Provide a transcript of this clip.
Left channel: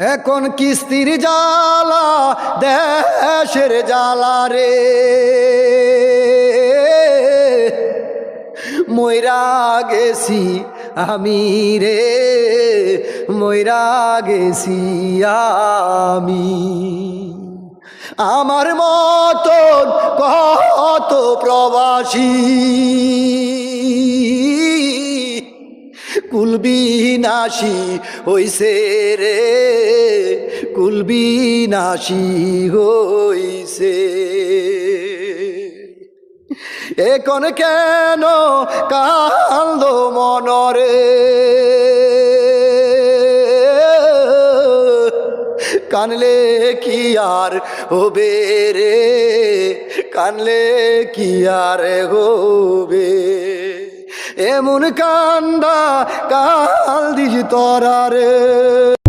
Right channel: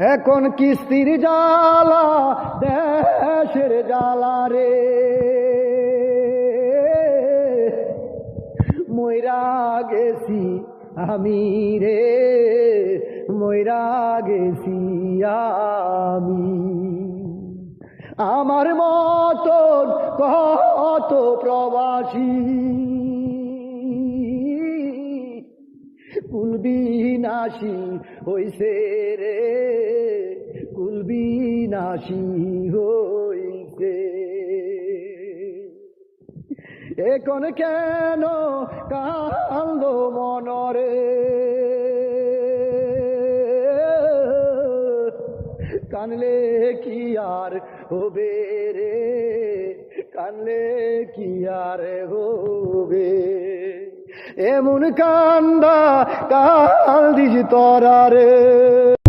এখন কিস্তির জ্বালা দেশের জ্বালা রে, মইরা গেছি আমি রে, মইরা গেছি আমি। আমার মতন কত প্রবাসী কুলবিনাশী হইছে রে, কুলবিনাশী হইছে। এখন কেন কান্দ মনরে, কানলে কি আর হবে রে, কানলে কি আর হবে। এমন কান্দা কাল দিস তোরা রে।